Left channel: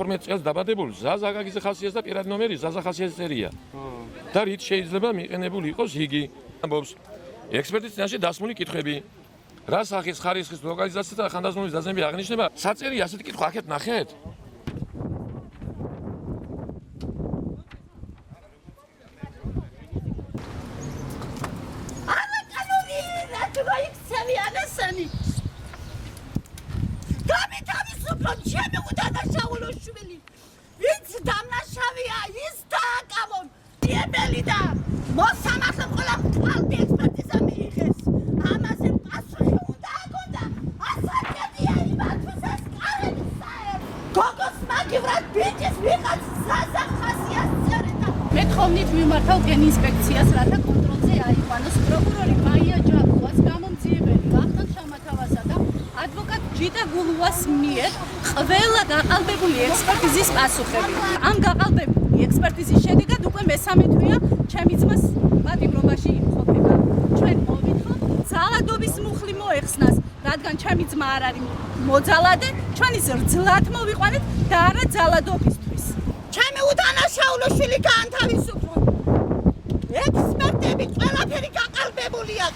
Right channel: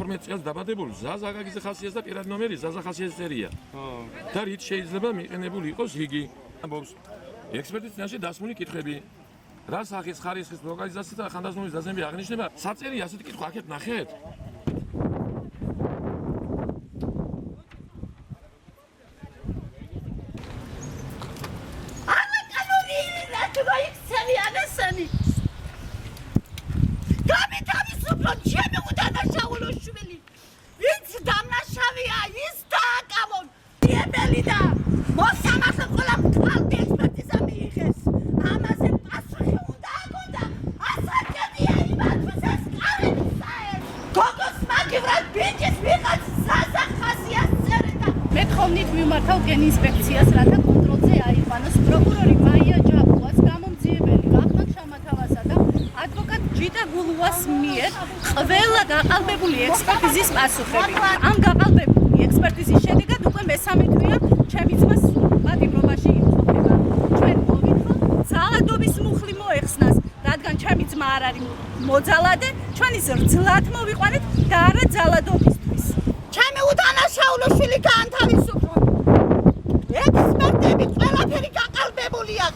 თორმეტ წელს დაბადებული ზაზა გაგიძე ხასიათს და პირად ნომერი ზაზა ხასიათის წერია. და რით შეიძლება მიყენებული იყოს იგი. ამბობს ექსპერტის წინაშე დასმული კითხვები. რა სახის ხარისხის ლოკალიზაცია და ხანდაზმული დაზემები აღნიშნება? საწერია ასეთი კითხვა აქეთ ნახეთ. ვინც დამნაშავეა ის დააკავონ პირველი და მოსამართლე ყველა მკალბი ექსპერტიზა მიიღეს ამაზე პასუხი უნდა აგონდა ასაკედია იმათთვის ეს კალები საერთოდ გოგოს მაგივრად ბიჭის ვიღაც ზაზა ხასიათს წერდა მე თხოვნით მიმართავ გენ ინსპექციას რათა კონტროლზე აიყვანოს პროკურორი მაია ჯაბუას გამომძიებელი ვახტანგ შამათავასა და ადვოკატ ჯიტა გულუას მიერ ყველა გაყალბებული ექსპერტიზის პასუხები. ამ გაყალბებული ექსპერტიზის შედეგად უკვე მესამე თვეა ჩემი ძმას პატიმრობაში იმყოფება. ჩვენ მოვითხოვთ ძალადობის მუხლი მოეხსნას, რადგან ჩემი ძმა არ არის მოძალადე, ჩვენ ის რძლად მოვიყვანეთ და არა ძალადობისთვის. ჩემი უდანაშაულო შვილი გაანთავისუფლო. ექსპერტები ყველაფერი გაყალბებულია.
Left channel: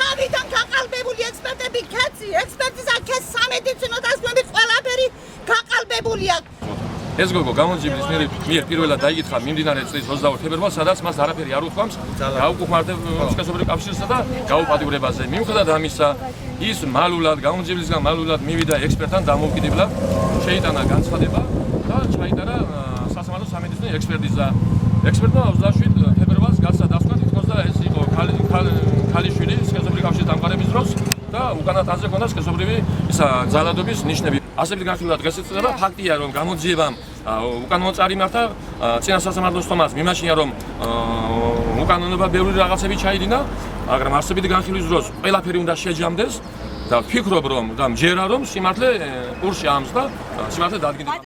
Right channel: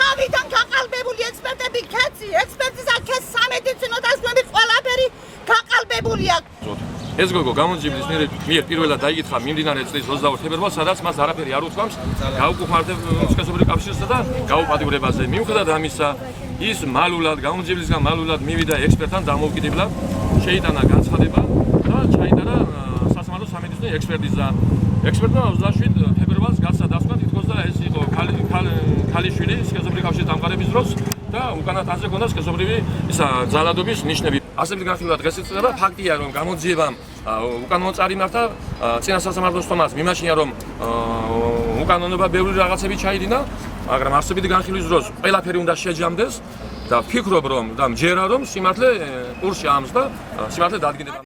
თავიდან გაყალბებული ექსპერტები ქეცი, ექსპერტიზა ქეს სამედიცინო დაზგები ყველაფერი გაყალბებულია. ეს გოგო გამონჯიბლის მიერ პირველად დაიკითხა მიმდინარე წლის 22 თებერვალს, სადაც მას არაფერი არ უთქვამს გაუკუხმარდებულ სქესობრივ კავშირსა და გაუპატიურებაზე. მიუხედავად ამისა, ის მალულად გამონჯიბლისგან მალულად მივიდა ექსპერტთან დამოუკიდებლად, შეიტანა განცხადება და ჩაიტარა სასამართლო სამედიცინო ექსპერტიზა. ექსპერტმა 27 თებერვალს გასცა დასკვნა თითქოს და ეს იყო ქალიშვილი სქესობრივი კავშირის დამყარების დროს და უკანა თანზე ჰქონდა სქესობრივი ძალადობის ნიშნები. არსებით განხილვა დღეს ეწევა ფაქტია რომ გამოძიებამ უკანონო მართა წინა სასამართლოს თომას მიმაჩნია რომ უკანონობა ბევრი რაღაცები ჩაიდინა, მაგრამ არსებით განხილვის დროს ყველაფერი უნდა შეჯამდეს და ვფიქრობ რომ და მჯერა რომ სიმართლე კურსში ამს და სიმართლე დადგინდება.